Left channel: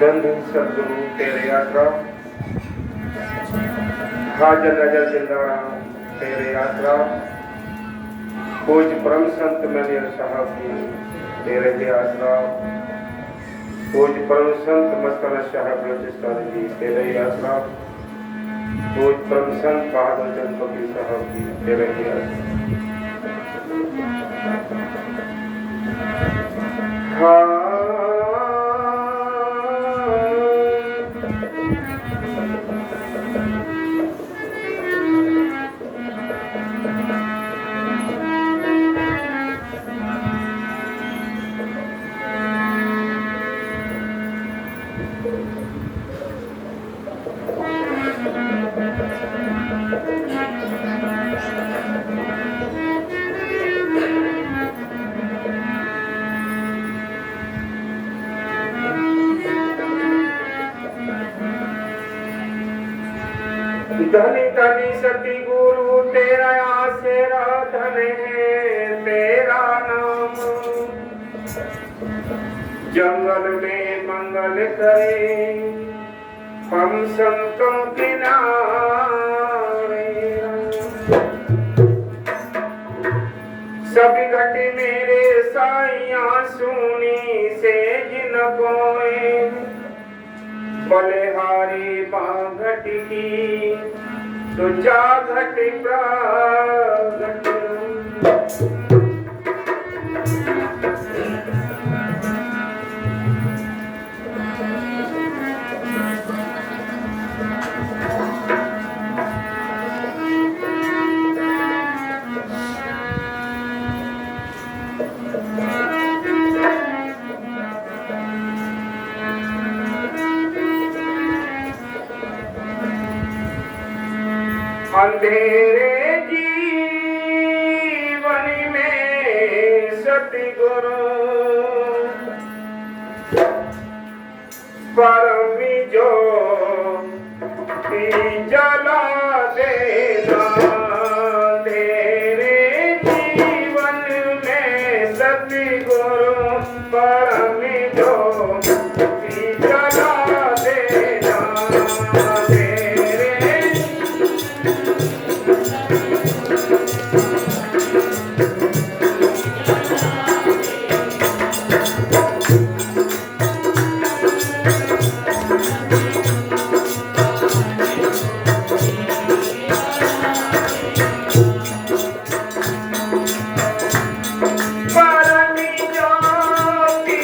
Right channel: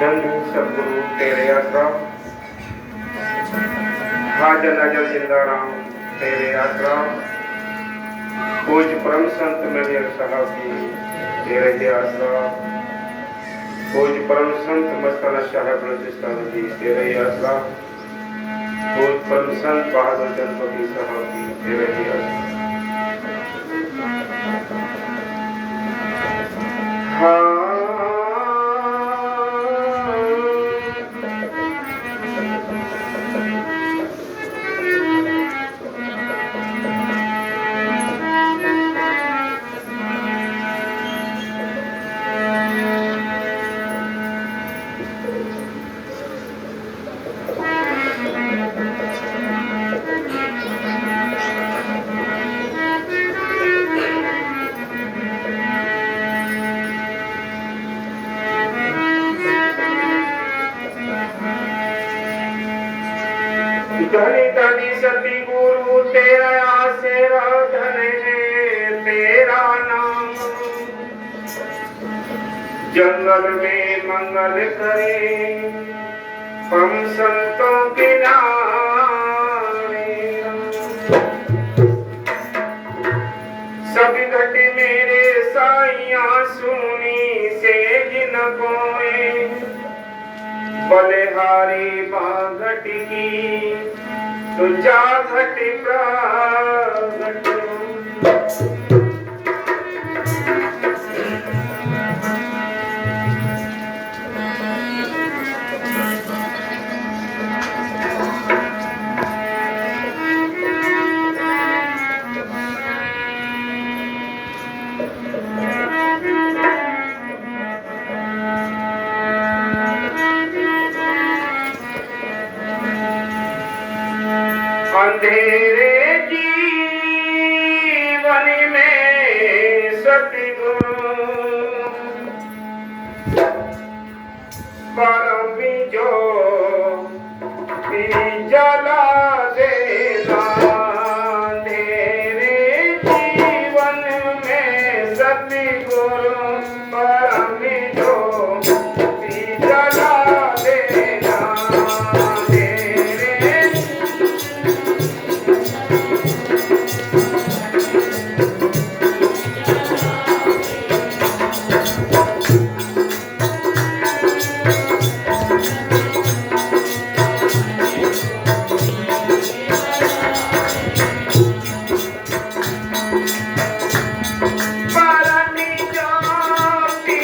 धन सदगुरु तेरे आश्रम, हाजर नजर जिंदा राम तेरे आश्रम, पूज परम संत मेरे साहब की तेरे आश्रम, पूज परम संत मस्ताना साहब बलूचिस्तान जी तेरे आश्रम, पूज परम संत बहादुर चंद साहब की तेरे आश्रम। धनी धनी सती गुरु तेरा सेवा धन है तेरा नाम, जंगल में मंगल करे हम संतों के नामे। सभी घटी मेरे साइया सुनी से जिन कोए, बलिहारी बाघट की तो जा घटी प्रागट। अंधेरे जीवन में सतगुरु परम ज्योति जला देना। अंधेरे जीवन में सतगुरु परम ज्योति जला देना। परम ज्योति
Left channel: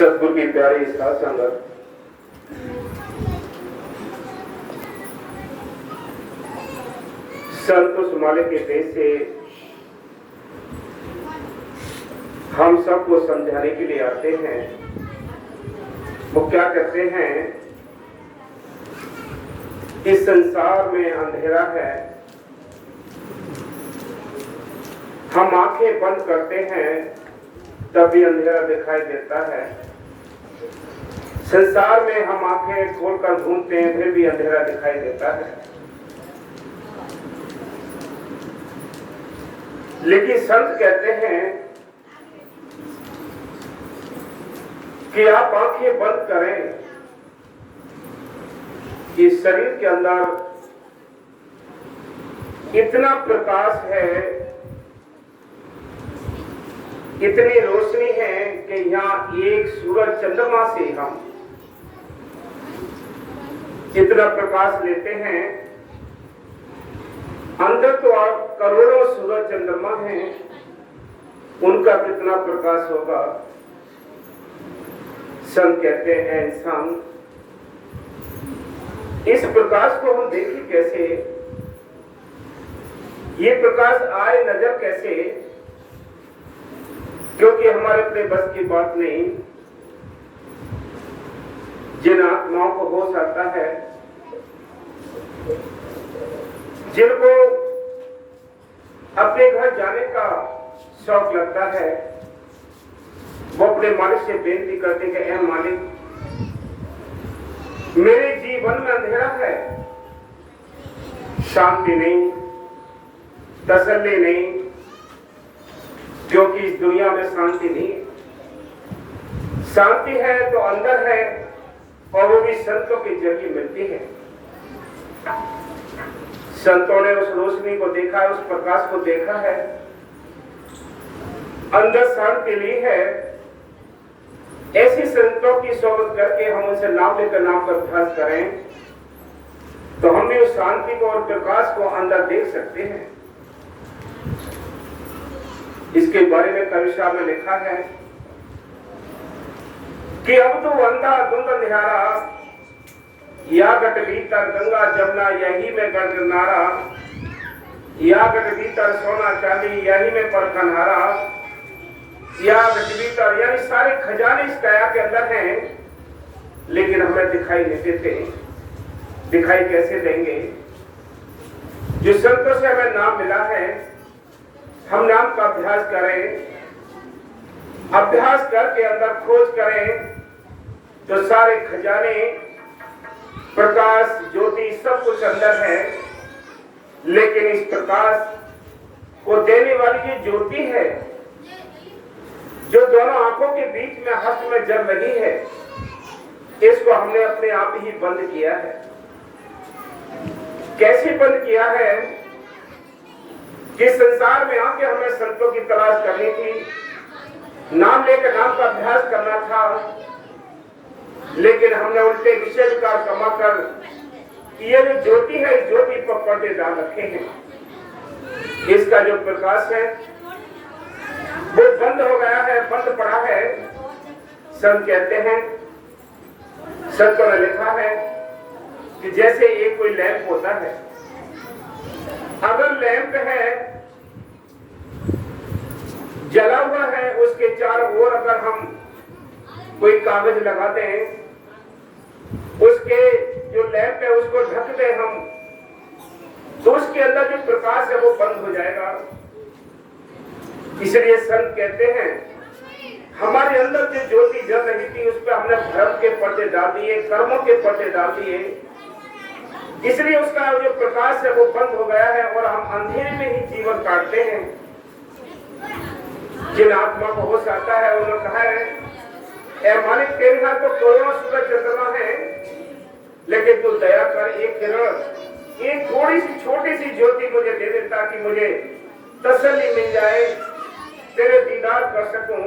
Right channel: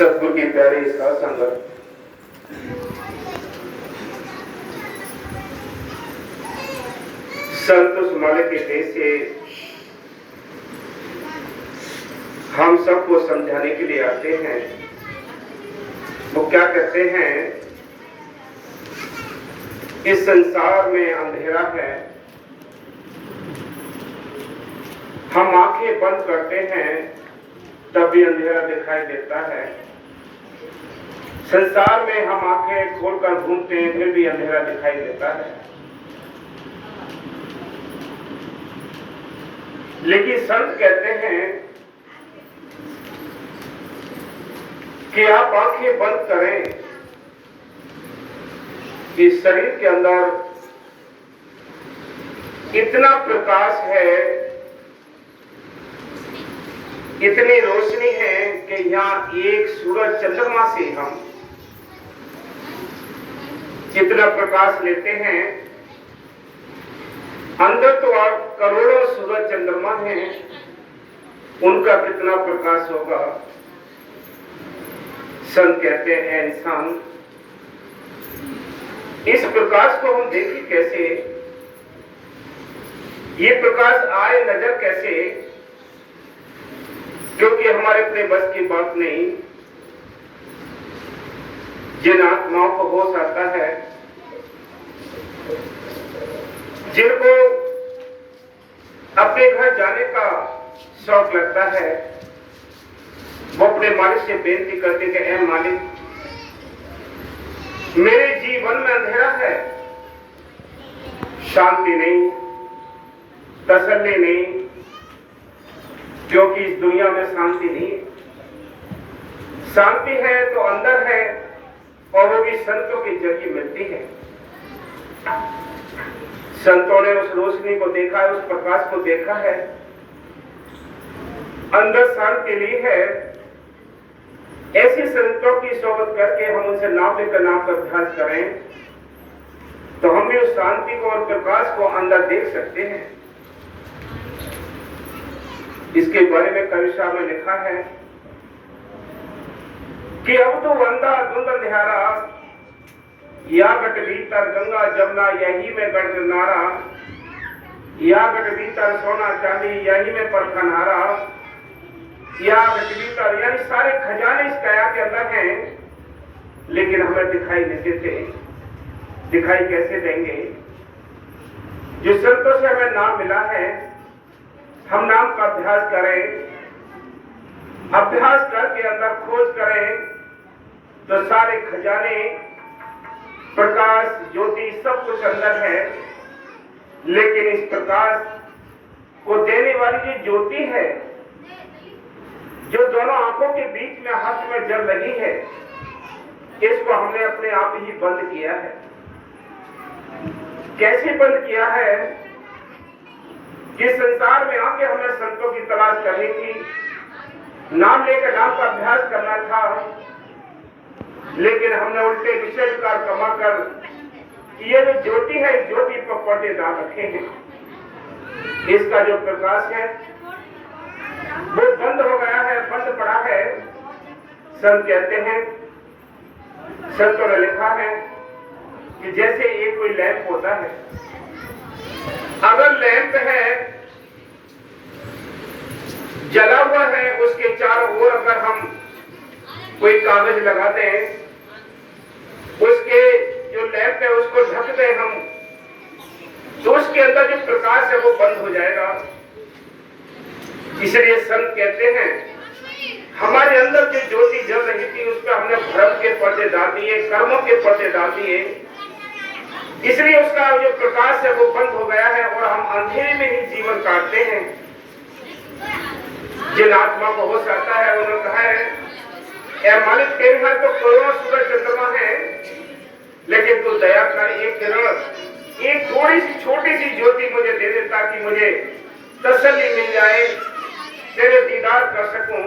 सतगुरु की प्यारी साध संगत, संत उस मालिक के देश से हम सबको समझाने के लिए आते हैं। वो क्या कहते हैं, इस संसार में अंधेरा है, हम आंखें बंद करते हैं तब भी अंधेरा दिखाई देता है। संसार में हम आंखें खोलकर घूमते हैं फिर भी अंधेरा दिखाई देता है। लेकिन संत कहते हैं कि आप आंखें बंद करें, इस शरीर के अंदर इतना प्रकाश है, इतनी रोशनी है कि यहाँ एक सूरज चंद्रमा से हम जितना प्रकाश लेते हैं, अंदर तो आप करोड़ों सूरज चंद्रमा हैं, उनका कितना प्रकाश होगा। संत कहते हैं इंसान, इस प्रकाश को हम देखें कैसे, ये प्रकाश आए नजर कैसे, क्योंकि हमारे अपने बस की बात नहीं। जिन आत्माओं को होश आता है, जिनको अपने घर जाने का शौक लगता है, वो अपने मालिक से बेनती करते कि ऐ मालिक, मेरे जीवन में अंधेरा है, शांति नहीं, तसल्ली नहीं, क्योंकि इस दुनिया में शांति नहीं है। शांति है तो अंदर है, और वो भी संतों के जरिए मिलती है। संतों ने उस रोशनी को देखा है, उस प्रकाश को देखा है, अंदर शांति ली है। ऐसे संतों की सोबत करके हम उनसे नाम लेकर नाम का अभ्यास करें तो हम भी उस शांति को और प्रकाश को अंदर देख सकते हैं। इसके बारे में कविता में लिखा है कि अब तो अंधा धुंध अंधियारा, या गट भीतर गंगा जमुना यही में गढ़ नारा, या गट भीतर सोना चांदी यही में परखनहारा, या गट भीतर, यानी सारे खजाने इस काया के अंदर हैं, लेकिन हमें दिखाई नहीं देते। दिखाई कैसे देंगे? जो संतों से हमें नाम मिला है, हम नाम का अभ्यास करें, अभ्यास करके अंदर खोज करें तो सारे खजाने, प्रकाश, ज्योति सब कुछ अंदर है। लेकिन इस प्रकाश को देने वाली जो ज्योति है, जो दोनों आंखों के बीच में हस्त में जल रही है, इसको हमने अपने आप ही बंद किया है। कैसे बंद किया है कि संसार में आके हमें संतों की तलाश करनी थी, नाम लेकर नाम का अभ्यास करना था, लेकिन हमने उल्टे विषय विकार कमा कर ये जो ज्योति है, इस ज्योति पर पर्दे डाल रखे हैं। इसका जो प्रकाश है वो बंद हो गया है, बंद पड़ा है। संत कहते हैं, संतों ने लिखा है कि जैसे एक कोई लैंप होता है, अगर लैंप है जला हुआ है, उसके चारों ओर अगर हम कोई कागज लगा दें, उसके जो लैंप है उसको ढक दें हम, तो उसके अंदर जो प्रकाश है वो बंद हो जाएगा। इसलिए संत कहते हैं, हमारे अंदर जो ज्योति जल रही थी उस पर हमने भ्रम के पर्दे डाल दिए, कर्मों के पर्दे डाल दिए, इसलिए उसका जो प्रकाश है वो बंद हो गया है और हम अंधेरे में ही जीवन काटते हैं। जिन आत्मा को होश आता है, उन्होंने कहा है, ऐ मालिक, तेरे यहाँ तो करोड़ों सूरज चंद्रमा है, लेकिन तू दया कर, एक किरण, एक थोड़ी सी छोटी सी ज्योति मुझे दे दे, ताकि मुझे तसल्ली मिल जाए, तेरे दीदार कर सकूं।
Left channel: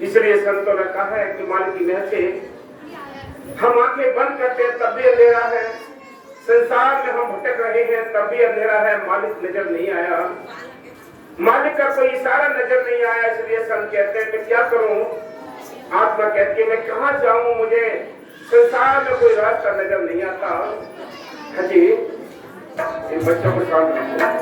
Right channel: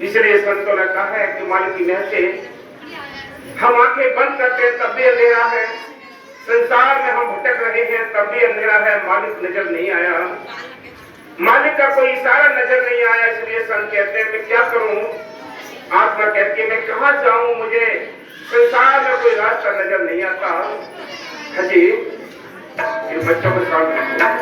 इसलिए संतों ने कहा है कि मालिक की मेहर से हम आंखें बंद करते हैं तब भी अंधेरा है, संसार में हम भटक रहे हैं तब भी अंधेरा है, मालिक नजर नहीं आया, मालिक का कोई इशारा नजर नहीं आया। इसलिए संत कहते हैं कि क्या करूं, आत्मा कहती है मैं कहाँ जाऊं, मुझे संसार में कोई रास्ता नजर नहीं आता। हजी इन बच्चों को शांत रखो।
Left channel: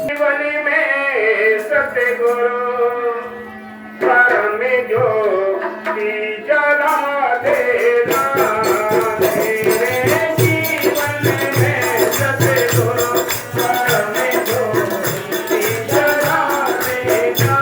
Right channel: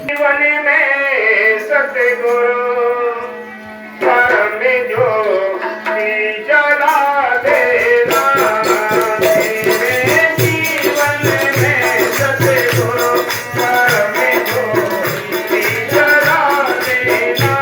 जीवन में सतगुरु धर्म जो जला देना, मेरे जीवन में सतगुरु धर्म जो जला देना।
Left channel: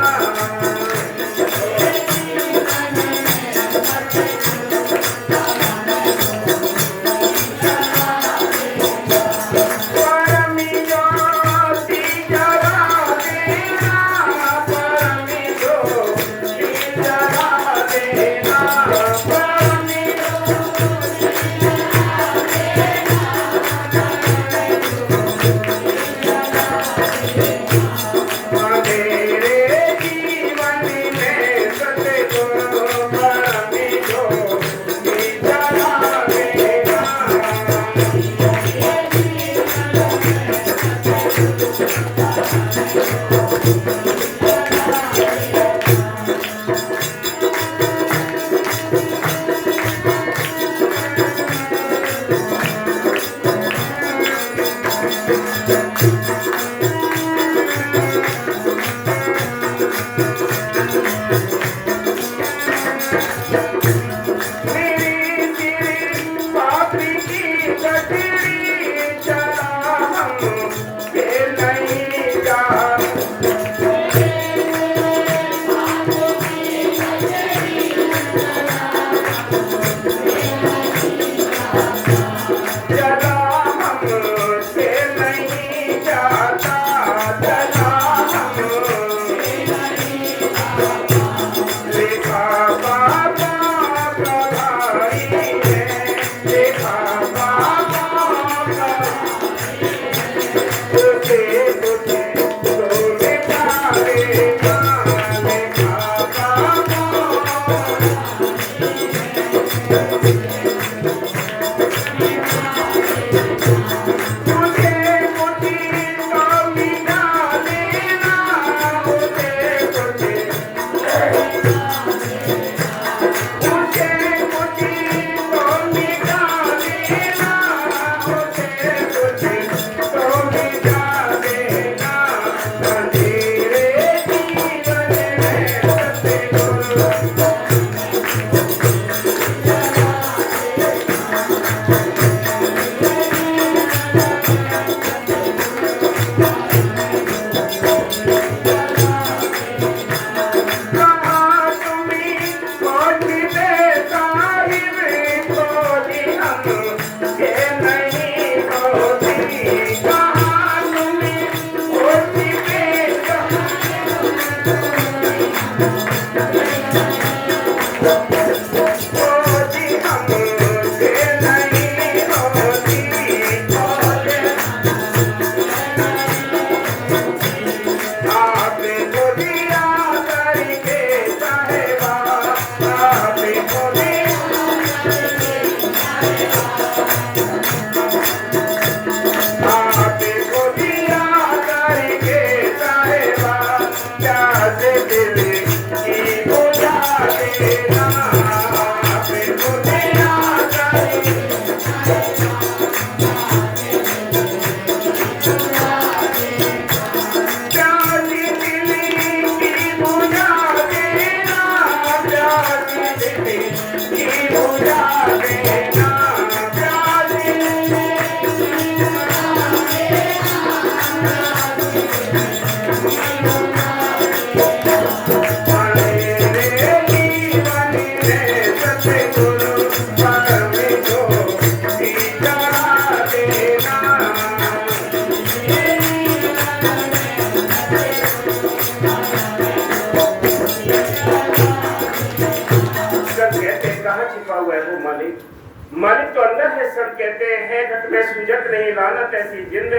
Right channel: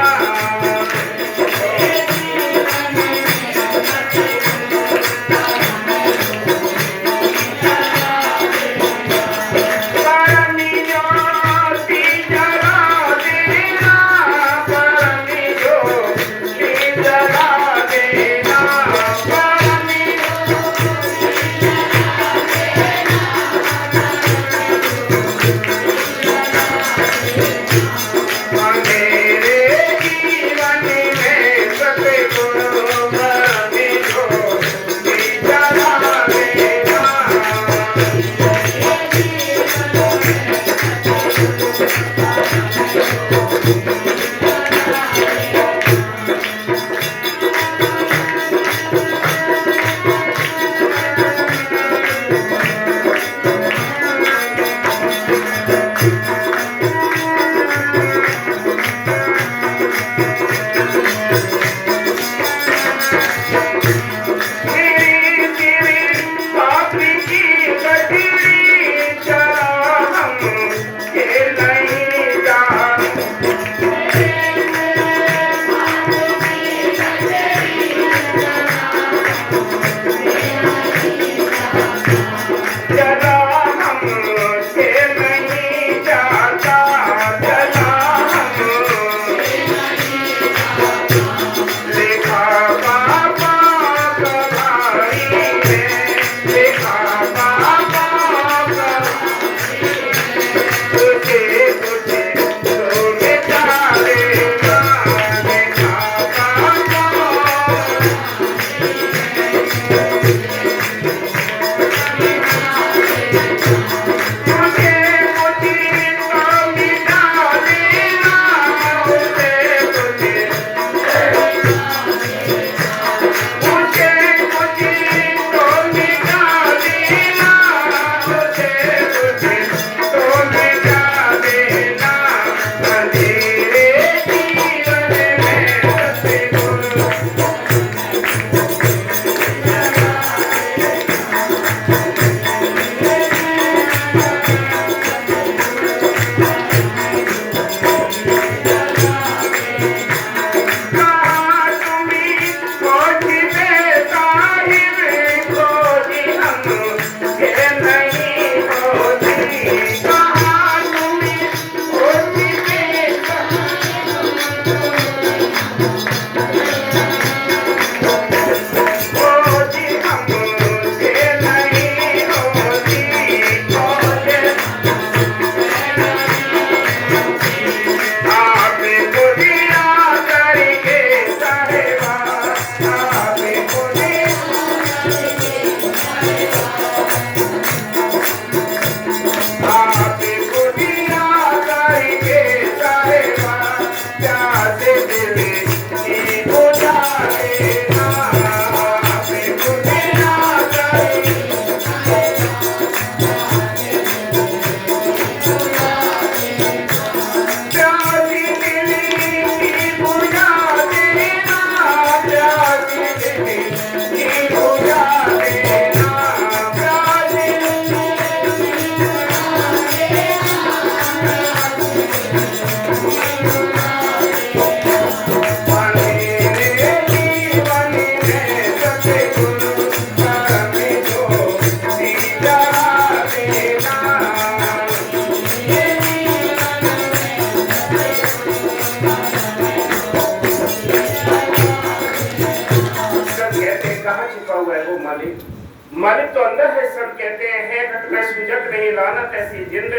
बंदर है। सब कहते हैं घट में सुजग नहीं लानत ऐसी जिंद,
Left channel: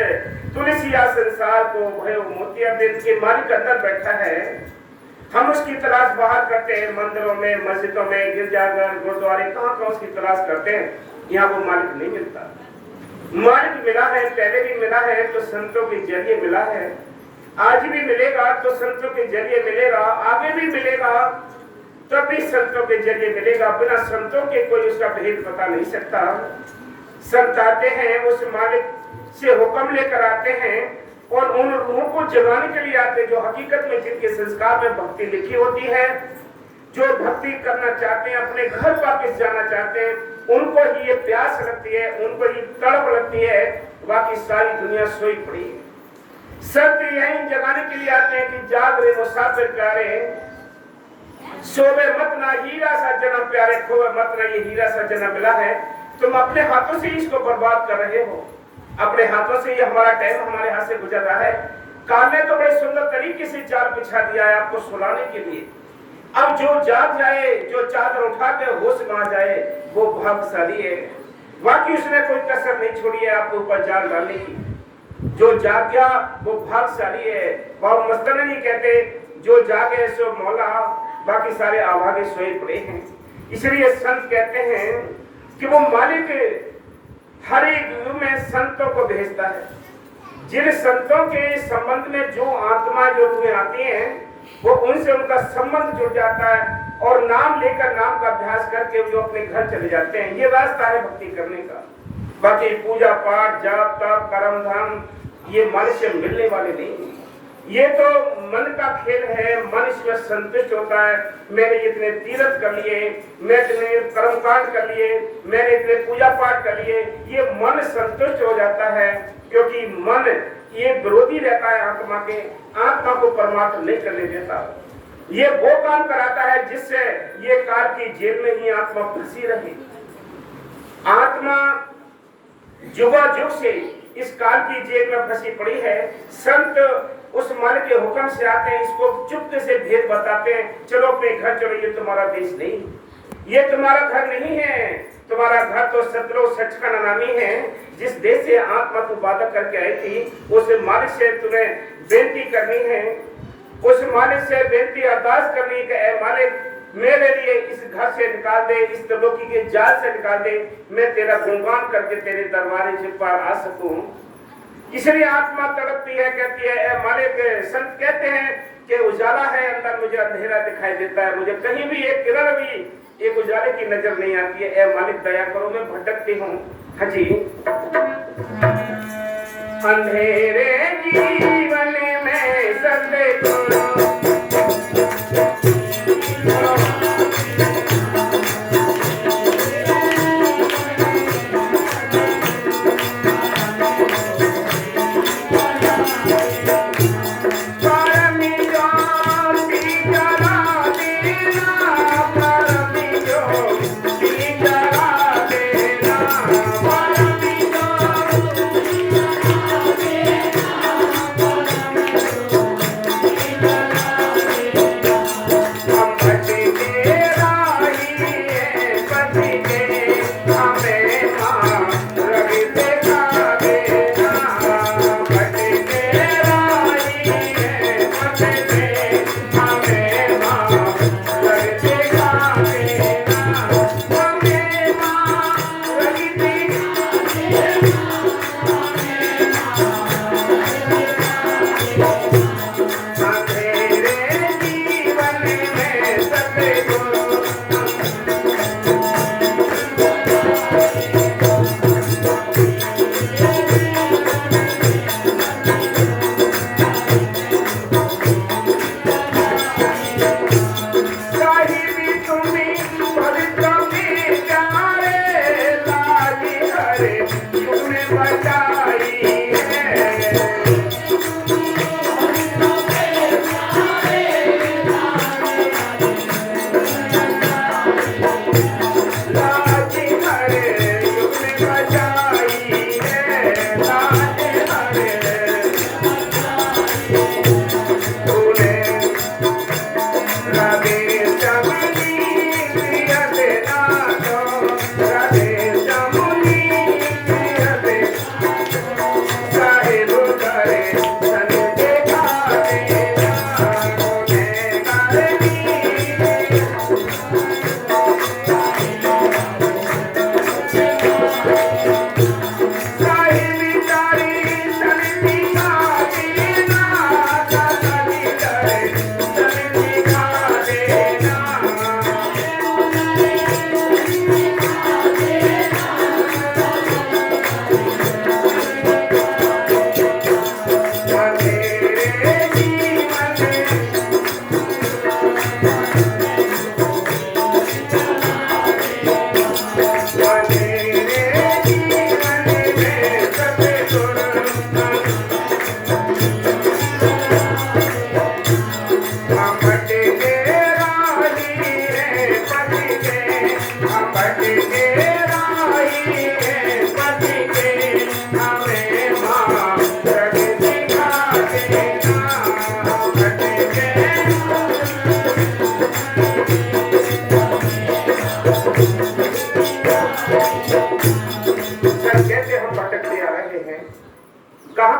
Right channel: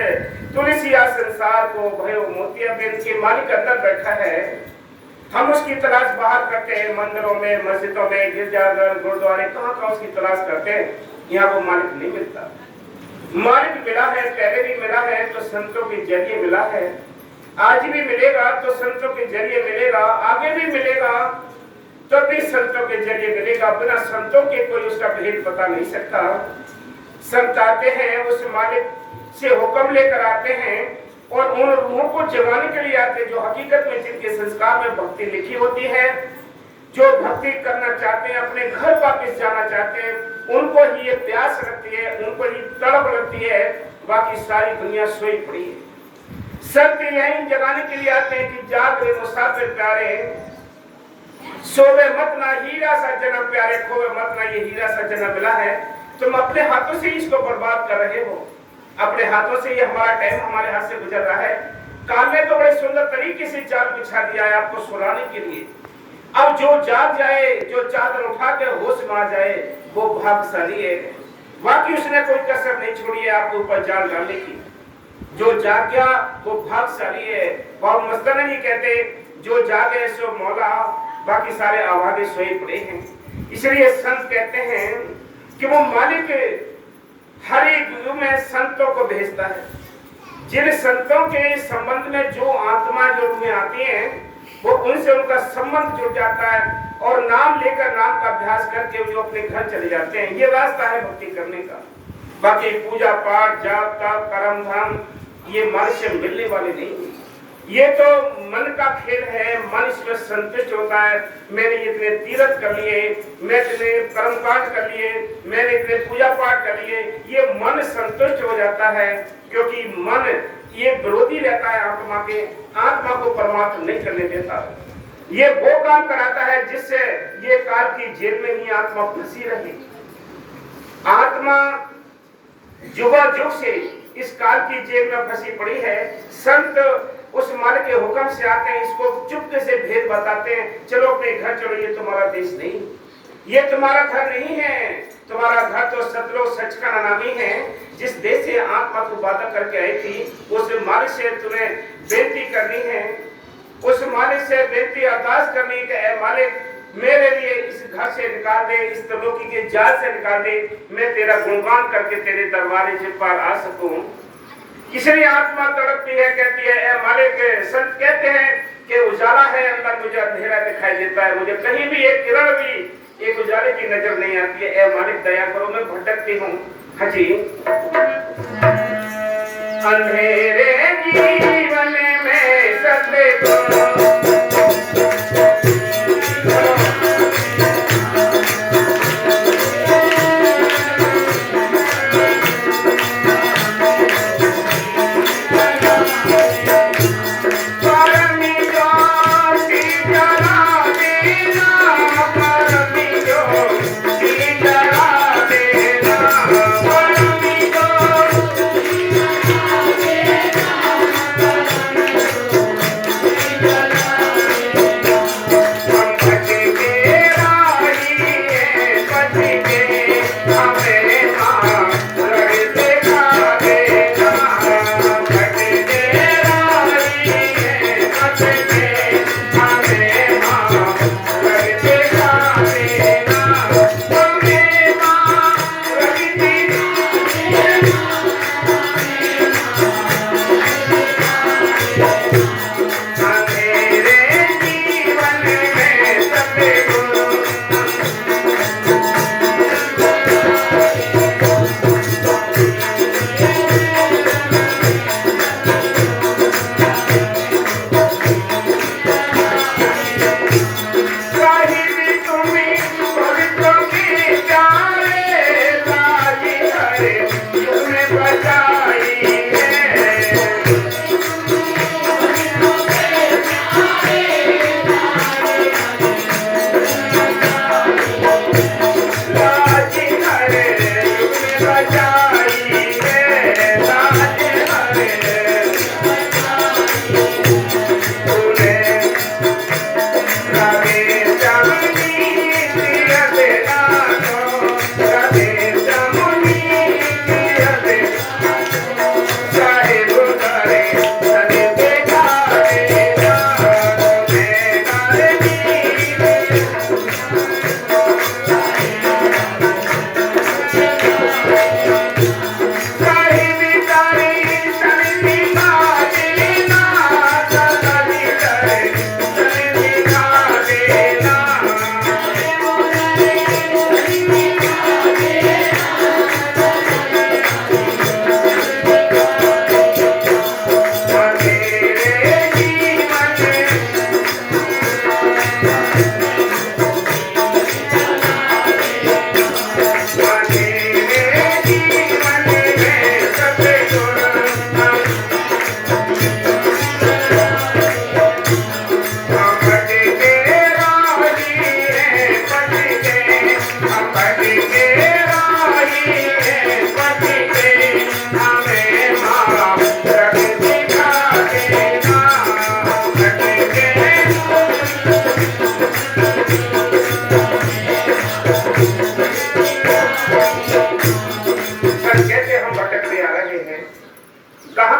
तुलसिया संसार को भयो मोतिया बिंद। के मालिक अंदर बैठा है, हम उसकी तलाश बाहर करते हैं, मंदिरों में, मस्जिदों में, गिरजाघर, गुरुद्वारे, कहाँ उसकी तलाश करते हैं। यहाँ वो मालिक नहीं मिलता। मालिक मिला है, पहले भी मिला है तो संतों के जरिए मिला है, आज भी मिलेगा तो संतों के जरिए मिलेगा, आगे भी मिलेगा तो भी संतों के जरिए मिलेगा। बिना संतों के कोई उसका भेद बता नहीं सकता। संत आते हैं, उस मालिक से हुक्म लेकर आते हैं और उन रूहों को जगाने के लिए आते हैं जो हकीकत में जिनके संस्कार में भक्ति लिखी होती है, जो भक्ति करना चाहते हैं, अपने घर वापस जाना चाहते हैं, उनको ही ये प्यास लगती है, उनको ही तड़प लगती है। बाकी सारी दुनिया सोई पड़ी है। संत यही जगाने के लिए आते हैं कि जाग रे मुसाफिर प्यारे, सोवे मत ना हीरा सा जन्म प्यारे, खोवे मत ना ये हीरा सा जन्म मिला है। तुम अपने हाथों से इसको बर्बाद कर रहे हो, अपने हाथों से। ये हमारा टाइम हमारे हाथ से गुजर रहा है। काल ने तो बड़े सुंदर तरीके से जाल बिछा दिया है आपको सुलाने के लिए। अब जो जाग जाए, जो चादर उठा के होश में आ जाए, वो भाग्यशाली है। बाकी उसने कोई कसर नहीं छोड़ी है आपके ऊपर जाल डालने की। जो जाग गया वो भाग्यशाली है। बाबा मस्ताना जी कहते, जो जागे सो मौला, बाकी सारे आवागे सोए पड़े हैं। इसलिए संत कहते हैं कि वो मालिक हर एक युग में संतों को भेजता है। जिन संतों के संबंध में जो आत्मा जो रूहें आती हैं, वो उनसे उनका संबंध जुड़ जाता है और नाम लेकर नाम का अभ्यास करके जो अपने घर चले जाते हैं। ये रास्ता है भक्ति करने का। बाकी पूजा पाठ, जाप तप, कर्म धर्म, ये मन से मिलने वाले नहीं। ये तो मन का खेल है। मन इसमें संतुष्ट होता है, मैंने इतने तीर्थ कर लिए, मैं इतने कर्मकांड कर लिए, मैंने इतने पूजा पाठ कर लिए, ये मन संतुष्ट हो जाता है। क्योंकि मन ये विरोधी रहता है आत्मा के, आत्मा को परमात्मा नहीं करने देता। ये वो काम कराता है जिससे ये काल की जेल में ही आत्मा फंसी रही। आत्मा जुग से इस काल की जेल में फंसी पड़ी है। संत उस मालिक के हुक्म से आते हैं, इसको चुपके से भेद बताते हैं, चलो अपने घर चलो, ये तुम्हारा देश नहीं, ये तुम्हारा घर नहीं है। तुम्हारा घर तो सतलोक सच का नामी है। जिस देश से आत्मा तू वादा करके आई थी, उस मालिक से तुम्हें बेनती करनी है, उस मालिक से बेनती अरदास करनी है, ऐ मालिक मेरे लिए इस घर से निकाल दे, इस त्रिलोकी के जाल से निकाल दे, मैं तेरा गुणगान करके तेरे दरबारे से पार आ सकूं। इसलिए आत्मा तड़पती है, कहती है ऐ मालिक। संत कहते हैं कि उजाला है अंदर, मुझे अंधेरा दिखाई देता है, मुझे कहीं भी एक किरण भी एक उजाले की नजर नहीं आती है। ऐ मालिक दया करो, मैं भटकती हूँ। हाँ जी। अंधेरे जीवन में सतगुरु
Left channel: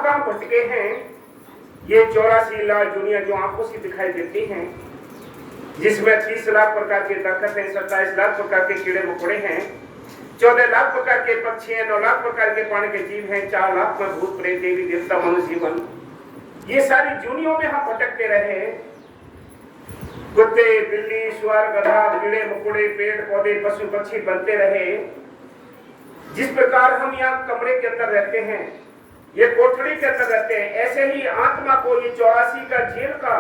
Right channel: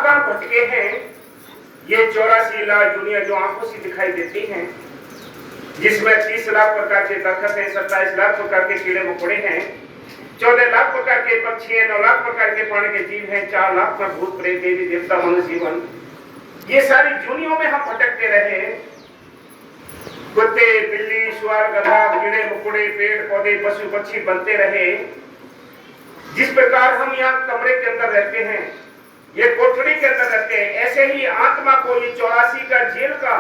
कहाँ भटके हैं। ये 84 लाख दुनिया जो आंखों से दिखाई देती हैं, जिसमें 30 लाख प्रकार के दरख्त हैं, 27 लाख प्रकार के कीड़े मकोड़े हैं, 14 लाख प्रकार के पक्षी हैं, 9 लाख प्रकार के पानी के जीव हैं, 4 लाख में भूत प्रेत देवी देवता मनुष्य जीवन। ये सारी दुनियाओं में हम भटकते रहे। कुत्ते बिल्ली सुअर गधा कीड़े मकोड़े पेड़ पौधे पशु पक्षी बनते रहे। जिस प्रकार हम यहाँ कमरे के अंदर रहते हैं, ये कोठरी के अंदर रहते हैं, ऐसे ही आत्मा को ये 84 का जेल का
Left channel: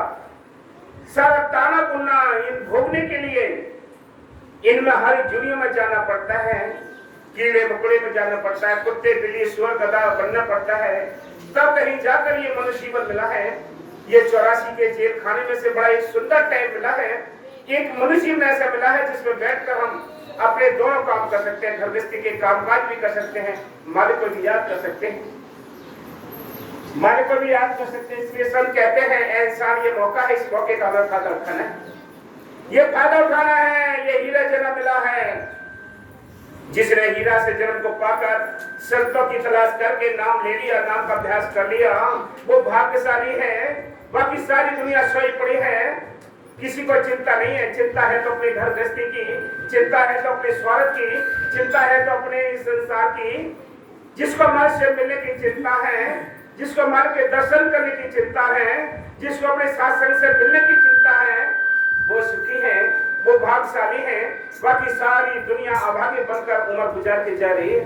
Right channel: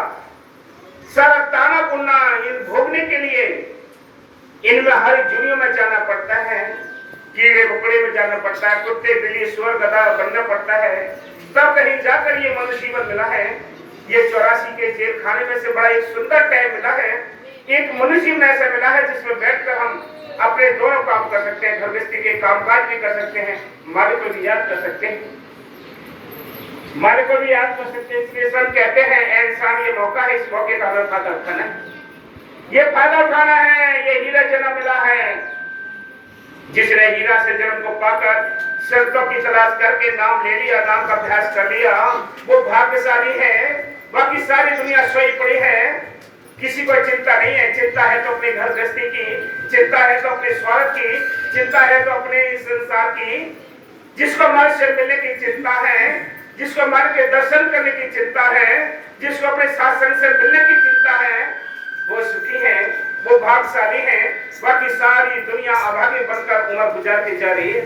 सारा ताना बुनना इन भोगने के लिए इनमें हर दुनिया में जाना पड़ता है, कीड़े मकोड़े में जाना पड़ता है, कुत्ते बिल्ली सुअर गधा बनना पड़ता है, तब कहीं जाकर ये मनुष्य जीवन मिला है। ये 84 के जेल खाने में से बड़ा एक सुंदर टाइम मिला है। एक मनुष्य जीवन ऐसा मिला है जिसमें बैठकर हम अपने दोनों काम कर सकते हैं, घर गृहस्थी के कामकाज भी कर सकते हैं, मालिक को भी याद कर सकते हैं, मालिक को भी याद कर सकते हैं। इसलिए सब कहते हैं ऐ इंसान ये मौका है, इस मौके का हमें फायदा उठाना है, ये फायदा उठाना है। ये हीरा जन्म मिला है। जिसने हीरा से जन्म को पाकर शर्तों की तलाश करके नाम ले लिया, नाम का अभ्यास कर लिया, वो भाग्यशाली है। बाकी सारी दुनिया सोई पड़ी है, किसी को चिंता नहीं है। चिंता है तो अपने घर गृहस्थी की, चिंता है तो अपने स्वार्थ की, चिंता है तो अपने संसार की। जिसको मर से मिलने की चिंता है, जिसको मर के दर्शन करने की चिंता है, जिसको अपने सत्संग से मिलने की चिंता है, वो सुखी है, वो भाग्यशाली है। बाकी सारी दुनिया अभागी बनकर उम्र गुजारती जा रही है।